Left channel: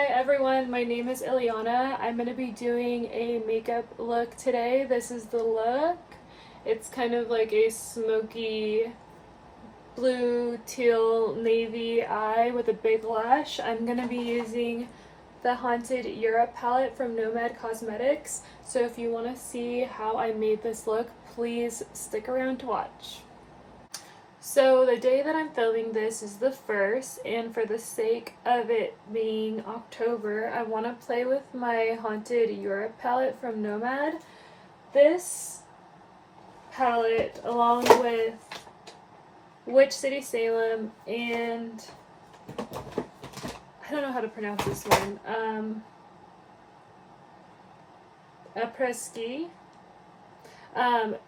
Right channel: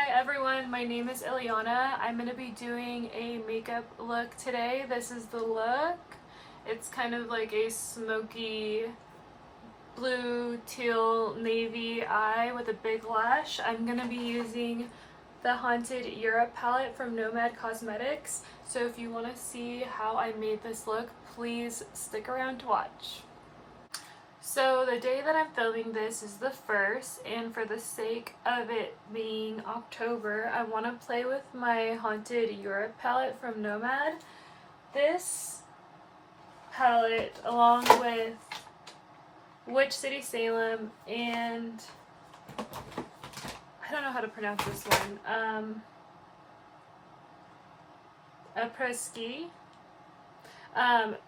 Hi everyone, my name is Ileana. I'm going to be doing a makeup look today. This is the look. It's kind of like a smoky blue, teal, navy eye with a big lash. I'm going to be using the Haunted Europe palette from Nomad Cosmetics. So if you want to see how I made this look, please stick around to watch. So the day that I'm filming this is the 1st, and for the sake of it being October, I want to play with my Haunted Europe palette from Nomad. This palette, along with Witch City Salem and I don't know how to pronounce this one, Après-Ski.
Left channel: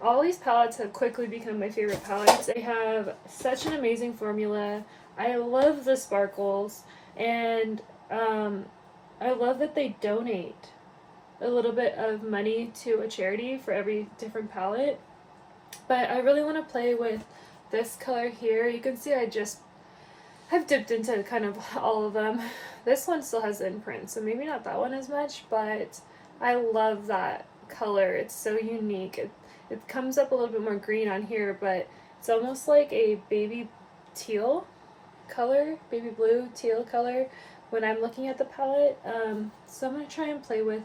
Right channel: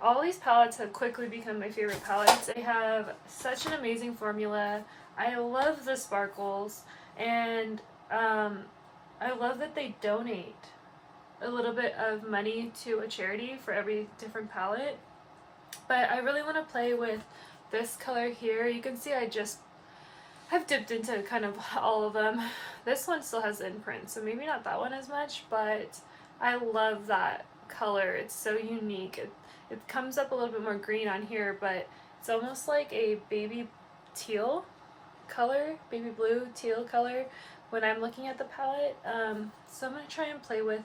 All these palettes have quickly become my favorite palettes. They have such an amazing formula. I love the sparkles, and I love that they donate a little bit of money to a charity for every different palette. But I really want to play with this color here. You can see I've dipped into kind of all of them. This one still has the imprint, so maybe not that one as much, but I love that color. It's so unique. It comes up a little bit more green on here, but it's almost like a baby teal color, baby blue teal color when I'm looking at the palette. So I'm going to try and play with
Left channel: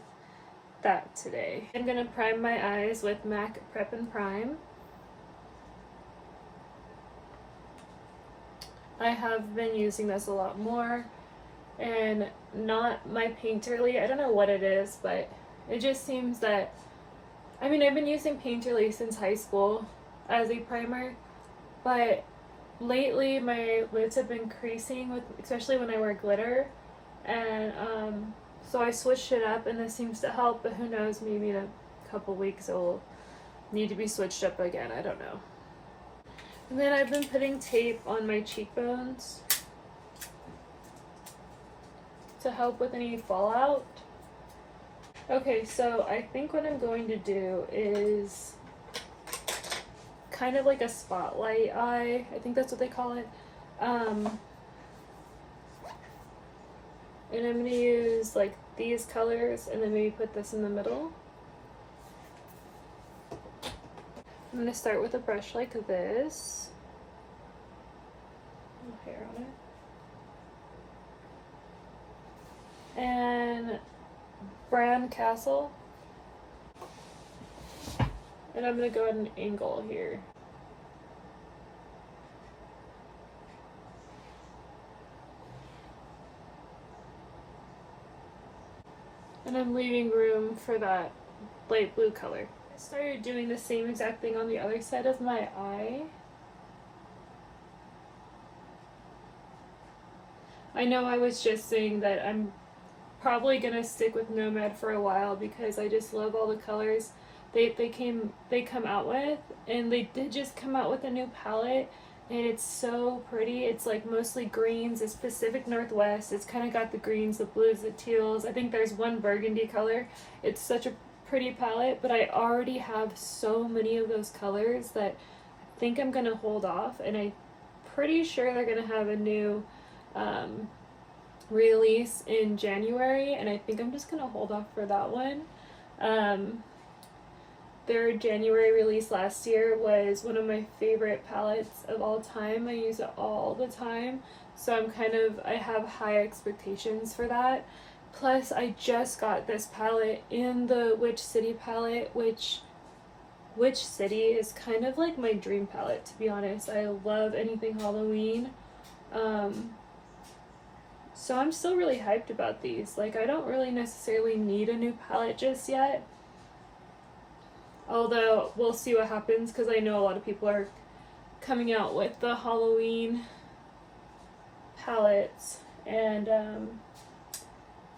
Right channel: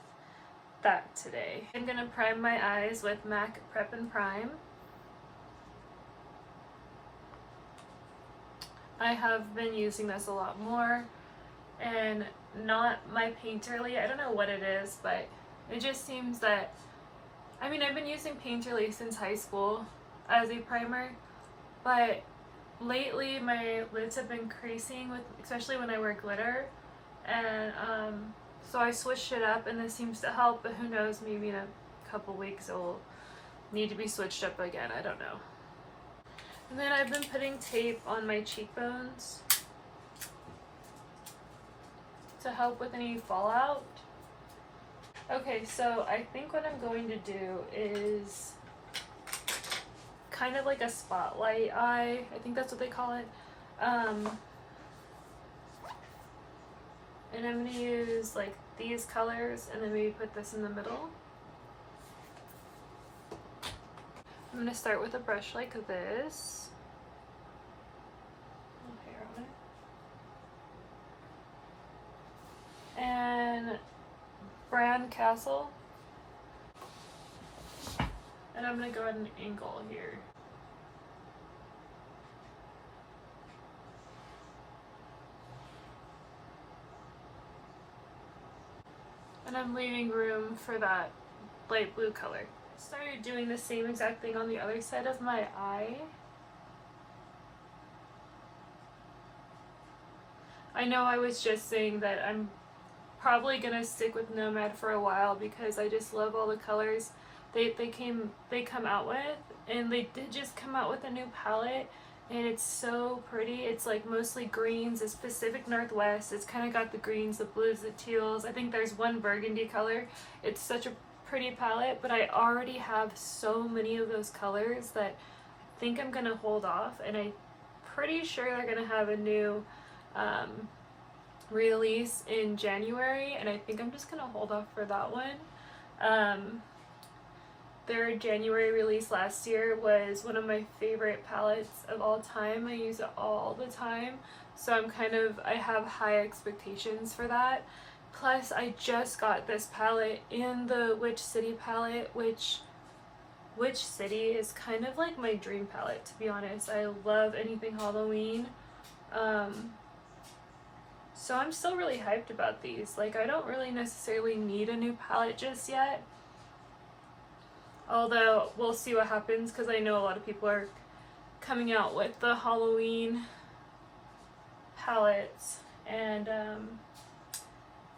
that today. I'm going to prime my eyes with MAC Prep and Prime. I have been using this a lot more, and not my Painterly. I don't know what it is, but it just seems that, I mean, I've been using Painterly since high school as a primer, but lately my lids have been creasing, especially when I wear glitter, and so I switched it up, and this seems to help, but who knows, maybe in a couple weeks it will need to be switched up again. I don't know. And then I've been putting tape on my cheekbones to help with any fallout. Okay, so I think what I'm going to do is kind of like a spotlight eye. I think that's what they call it. And I'm going to use like these colors and then maybe put this in the middle. I'm going to start with a brush like this. Hair on it. And Brand Castle, and I'm going to go at an angle here. And I'm leaving room for that light blue color. I started doing the same exact thing on the other side of my eye. I know I was just saying that I'm probably gonna stick with Nomad for a while because I just love all the colors they come out with, and they did just come out with a new palette, and it's so pretty. It's like mostly greens. It's Pacific Northwest. It's kind of got the greens, the blues, the teals. I think there's one burgundy color. It's such a pretty palette, but I already have so many of those colors that I think I'm gonna hold off, and I'm pretty sure they're gonna have a new release in January, and I think I'm just gonna hold off for that one. Their January release last year was one of my favorite palettes of all time. I use it all the time, so I have high expectations for that. Plus, I just got this palette in the Witch City palette, which Witch City is kind of like my dream palette, to be honest. I love anything Halloween. So I'm still really hyped about these. Like, I don't really necessarily need a new palette just yet. Although, we'll see what happens, because I know a lot of people are coming out with the Halloween palettes. And,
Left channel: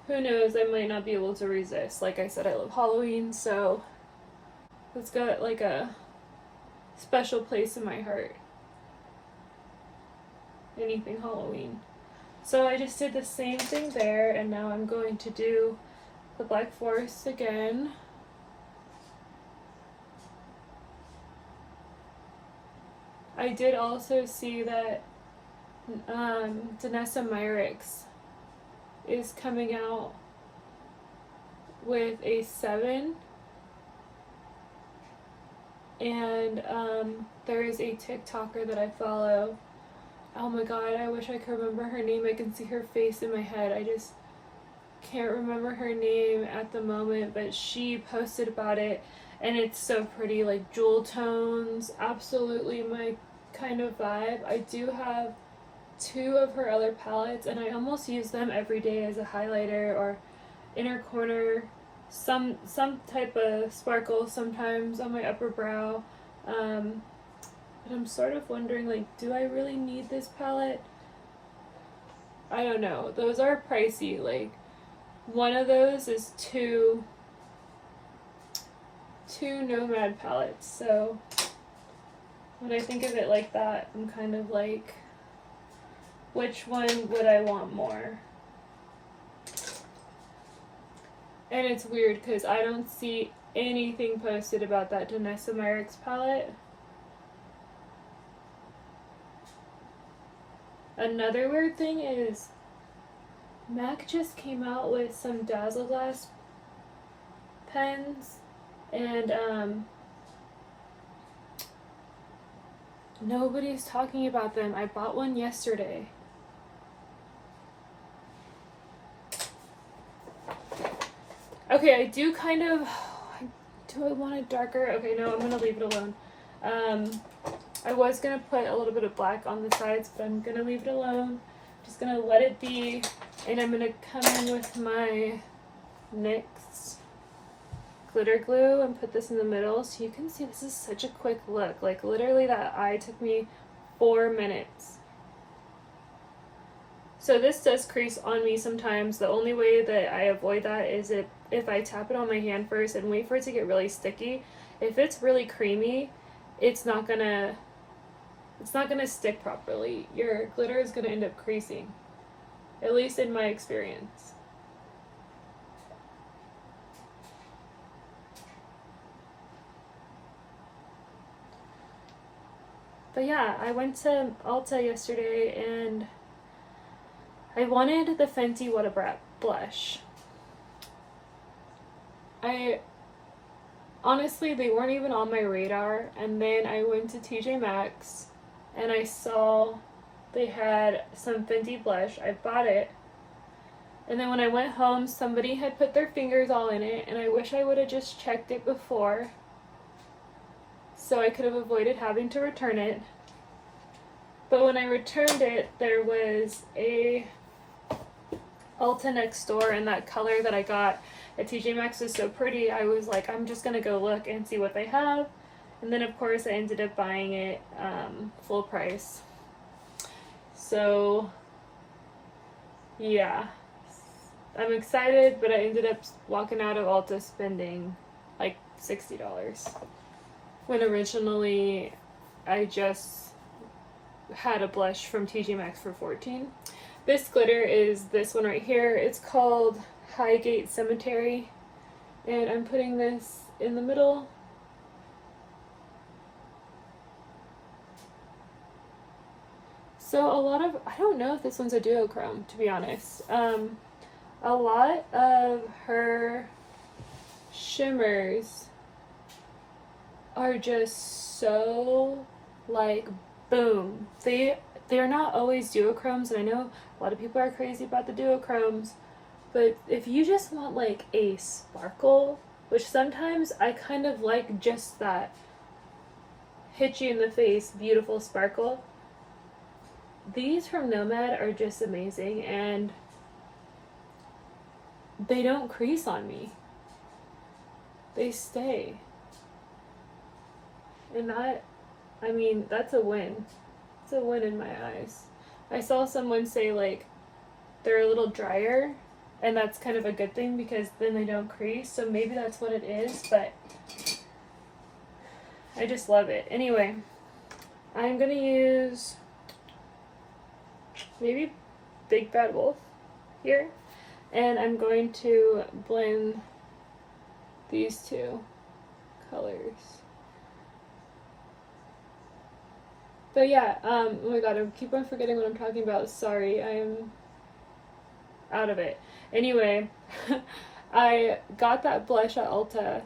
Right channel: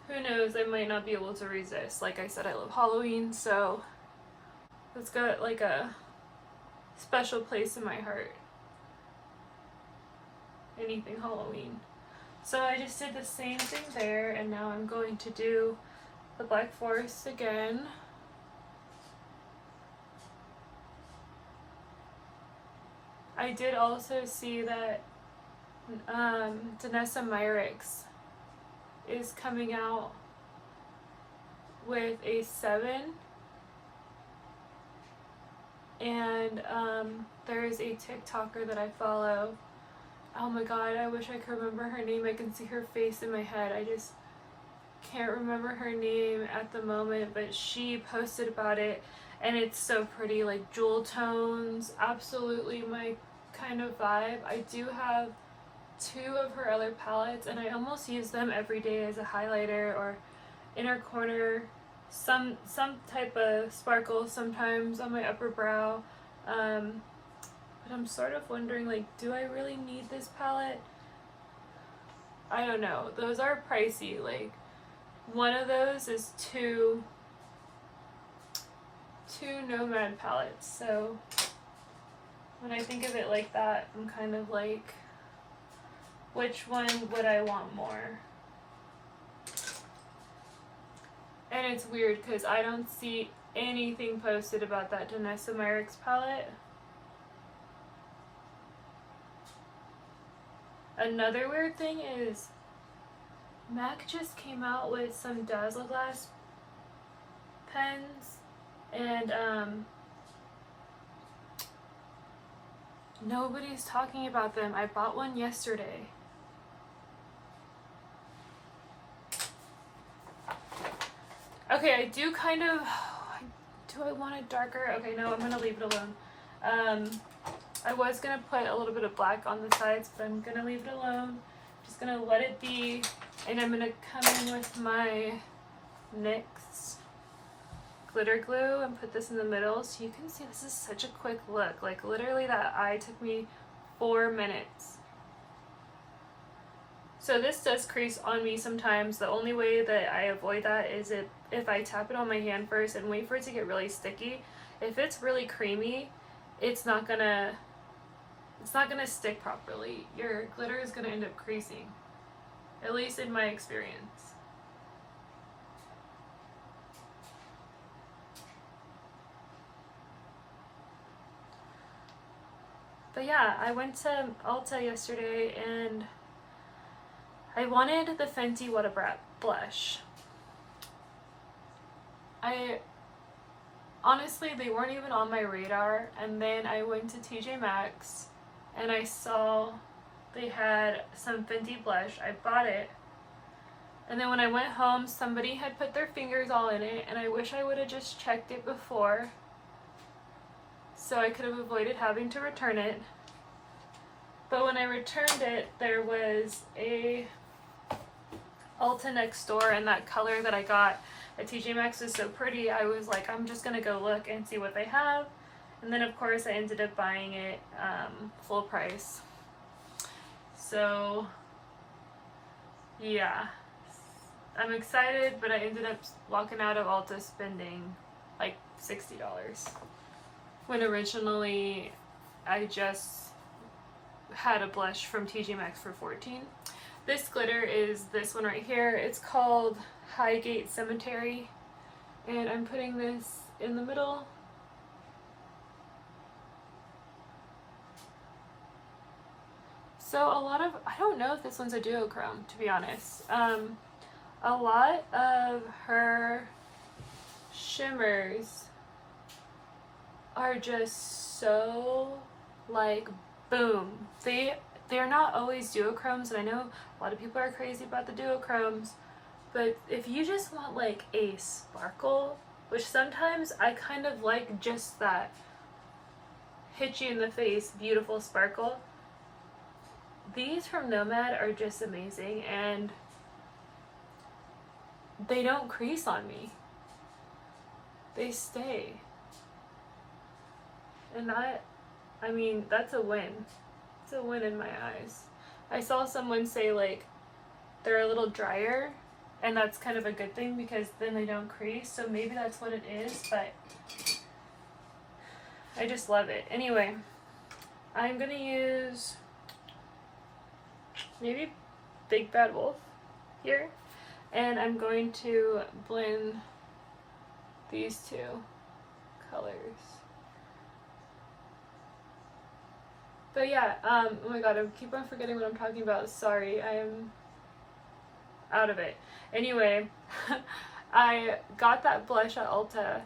who knows, I might not be able to resist. Like I said, I love Halloween, so it's got like a special place in my heart. Anything Halloween. So I just did the same thing there, and now I'm going to do the Black Forest again. I did also see that Danessa Myricks is coming out with a 7. And there is a TikToker that I follow. Oh my god, I wish I could remember her name. I can see her face in my head. I just can't remember her name at the moment, but she posted about it, and it's so pretty, like jewel tones, absolutely my kind of vibe. I do have 2 of her other palettes, and I almost use them every day as a highlighter or inner corner, some type of sparkle sometimes on my upper brow. But I'm sort of wondering, like, do I really need this palette? I don't know. Those are pricey. Like, one of those is two Nomad palettes. So when I think of it like that, I'm kind of like, which one would I want more? And it's weird because I don't see anything posted about that Danessa Myricks palette. Another weird thing is MAC just came out with some Dazzle Glass pens, and nobody's talking about them. I bought one yesterday. Okay, I do kind of, do I want it darker? Okay, no, I'm gonna leave it alone. I was gonna put a little bit of black on the sides, but I'm gonna leave it alone. Just gonna let it be, and I'm gonna come in with my NYX glitter glue and put this in the middle, so you can see this is such a quick look. Like, literally that eye took me 4 minutes. So this does crease on me sometimes. The only way that I avoid that is if I tap it on my hand first and wait for it to get really sticky. If it's really creamy, it's not gonna stick properly. Your glitter is gonna end up creasing, at least in my experience. But yeah, I went to Ulta yesterday and I wanted the Fenty What a Brat blush. Honestly, they weren't even on my radar, and then I went to TJ Maxx and I saw they had some Fenty blush. I bought it, and then when I went home, somebody had put their fingers all in it, and I wish I would have just checked it before so I could have avoided having to return it. But when I returned it, there was a Ulta next door, and that color that I got at TJ Maxx was so pretty, I was like, I'm just gonna go look and see what they have. And then of course I ended up buying it full price. So yeah, I'm excited, but I ended up walking out of Ulta spending like $60 when originally I just had a blush from TJ Maxx for $14. This glitter is this one right here. It's called Highgate Cemetery, and I'm putting this in the middle. So a lot of, I don't know if this one's a duochrome, to be honest. A lot of her shimmers are just so like boom. They're not always duochromes, and I know a lot of people are crazy about the duochromes, but if you just want like a sparkle, which sometimes I kind of like just that hit you in the face beautiful sparkle, these from Nomad are just amazing, and they don't crease on me. They stay. And that, I mean, that's a win. It's a win in my eyes. I saw someone say like they're a little drier, and that's kind of a good thing because then they don't crease, so maybe that's what it is, but I just love it. Anyway, I'm gonna use maybe Big Bad Wolf here, and I'm going to blend these two colors. But yeah, oh my god, I keep on forgetting what I'm talking about. Sorry, I'm out of it. Anyway, I got that blush at Ulta,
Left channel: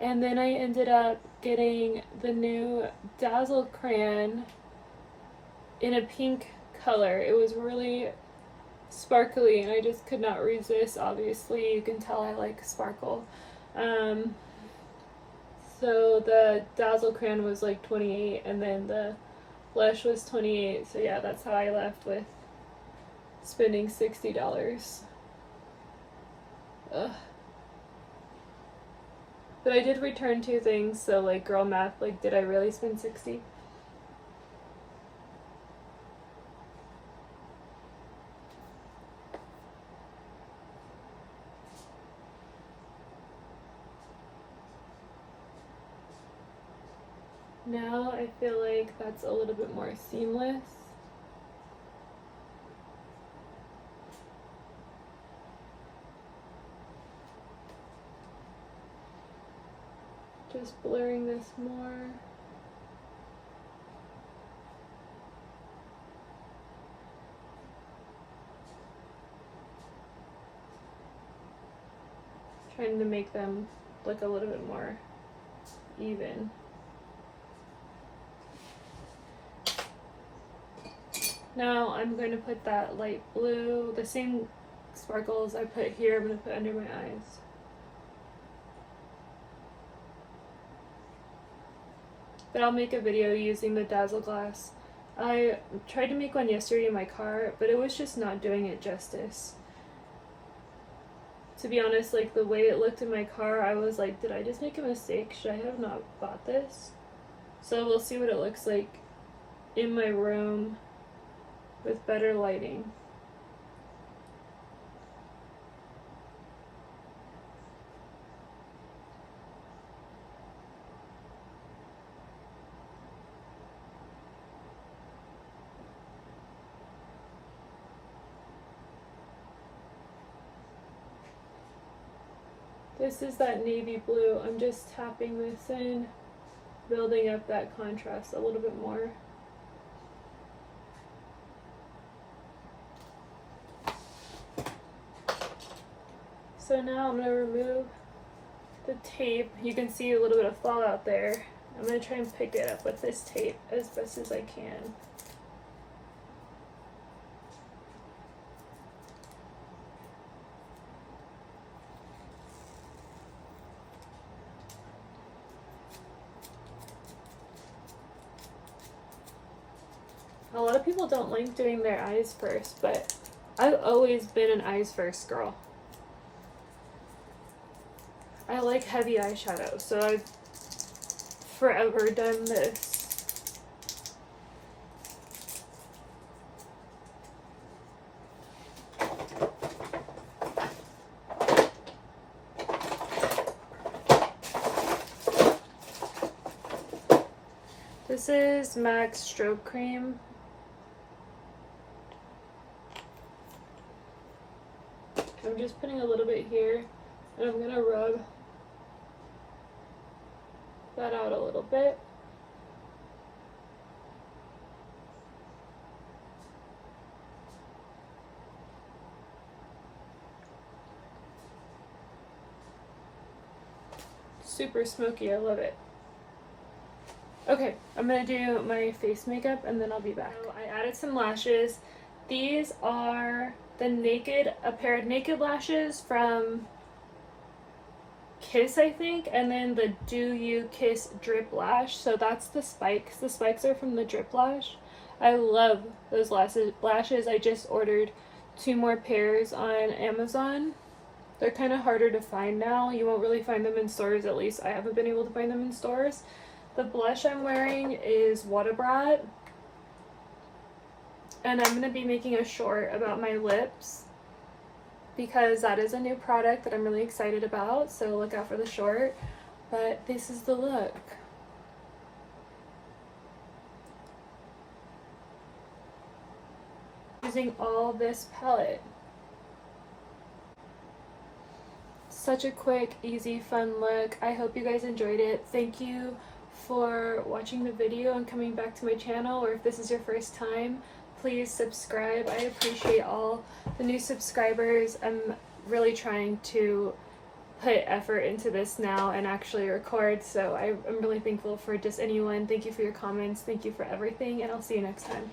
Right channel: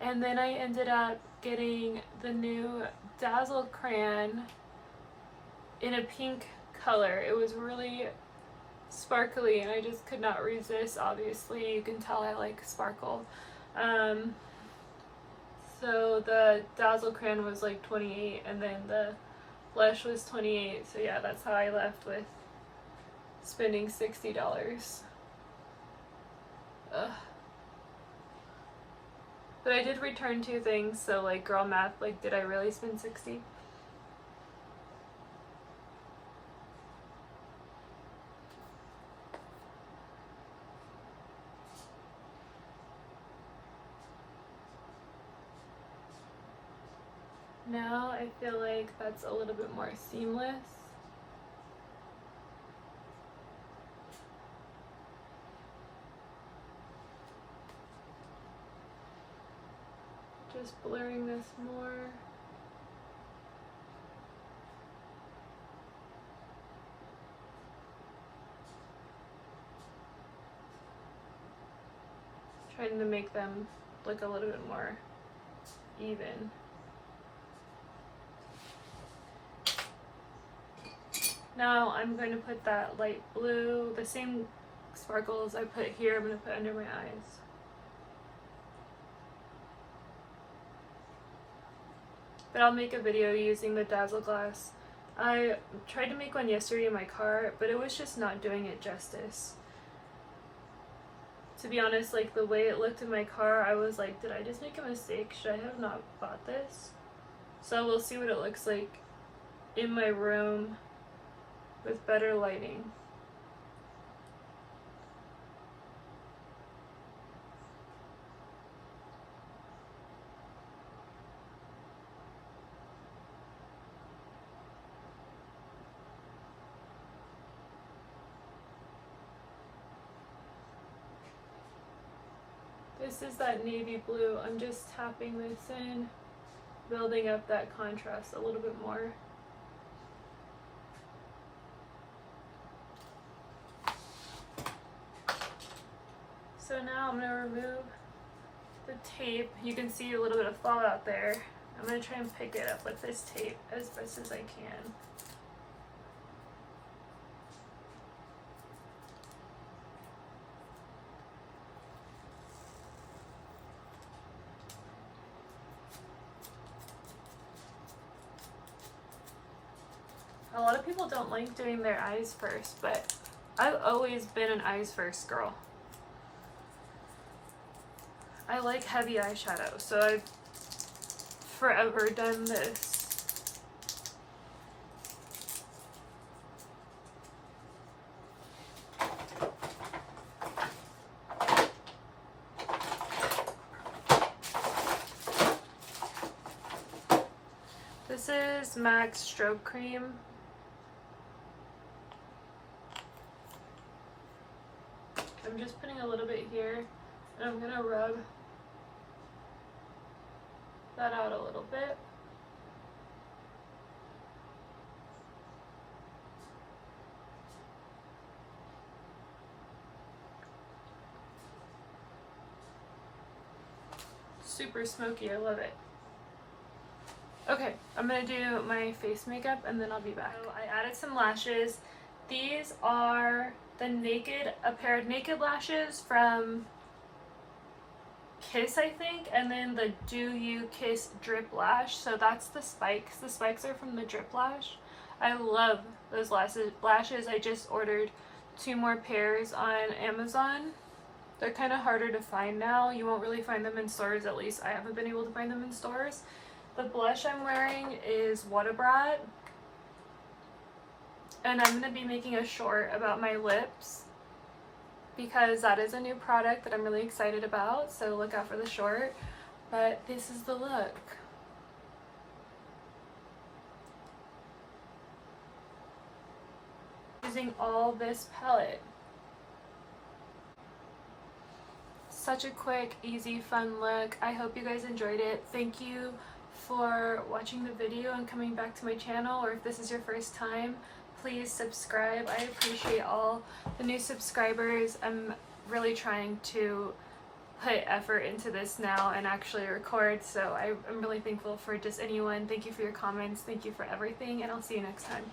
and then I ended up getting the new Dazzle crayon in a pink color. It was really sparkly and I just could not resist. Obviously, you can tell I like sparkle. So the Dazzle crayon was like $28 and then the blush was $28. So yeah, that's how I left with spending $60. Ugh. But I did return 2 things, so like girl math, like did I really spend 60? Now I feel like that's a little bit more seamless. Just blurring this more. Trying to make them look a little bit more even. Now I'm going to put that light blue, the same sparkles I put here, I'm going to put under my eyes. But I'll make a video using the Dazzle glass. I tried to make one yesterday in my car, but it was just not doing it justice. To be honest, like the way it looked in my car, I was like, did I just make a mistake? Should I have not bought this? So we'll see what it looks like in my room with better lighting. This is that navy blue. I'm just tapping this in, building up that contrast a little bit more. So now I'm going to remove the tape. You can see a little bit of fallout there. I'm going to try and pick it up with this tape as best as I can. A lot of people don't like doing their eyes first, but I've always been an eyes first girl. I like heavy eyeshadow, so I've forever done this. This is MAC Strobe Cream. I'm just putting a little bit here, and I'm gonna rub that out a little bit. Super smoky, I love it. Okay, I'm gonna do my face makeup and then I'll be back. So I added some lashes. These are a pair of naked lashes from Kiss, I think, and then the Do You Kiss Drip Lash. So that's the spikes. The spikes are from the Drip Lash. I love those lashes. I just ordered 2 more pairs on Amazon. They're kind of harder to find now. You won't really find them in stores, at least I haven't been able to find them in stores. The blush I'm wearing is What Brat. And I'm going to be making a short about my lips because that is a new product that I'm really excited about, so look out for the short. But this is the look. Using all this palette. Such a quick, easy, fun look. I hope you guys enjoyed it. Thank you for watching the video and coming back to my channel, or if this is your first time, please subscribe. I appreciate all the new subscribers. I'm really trying to put effort into this now and actually record, so I'm really thankful for just anyone. Thank you for your comments. Thank you for everything, and I'll see you next time.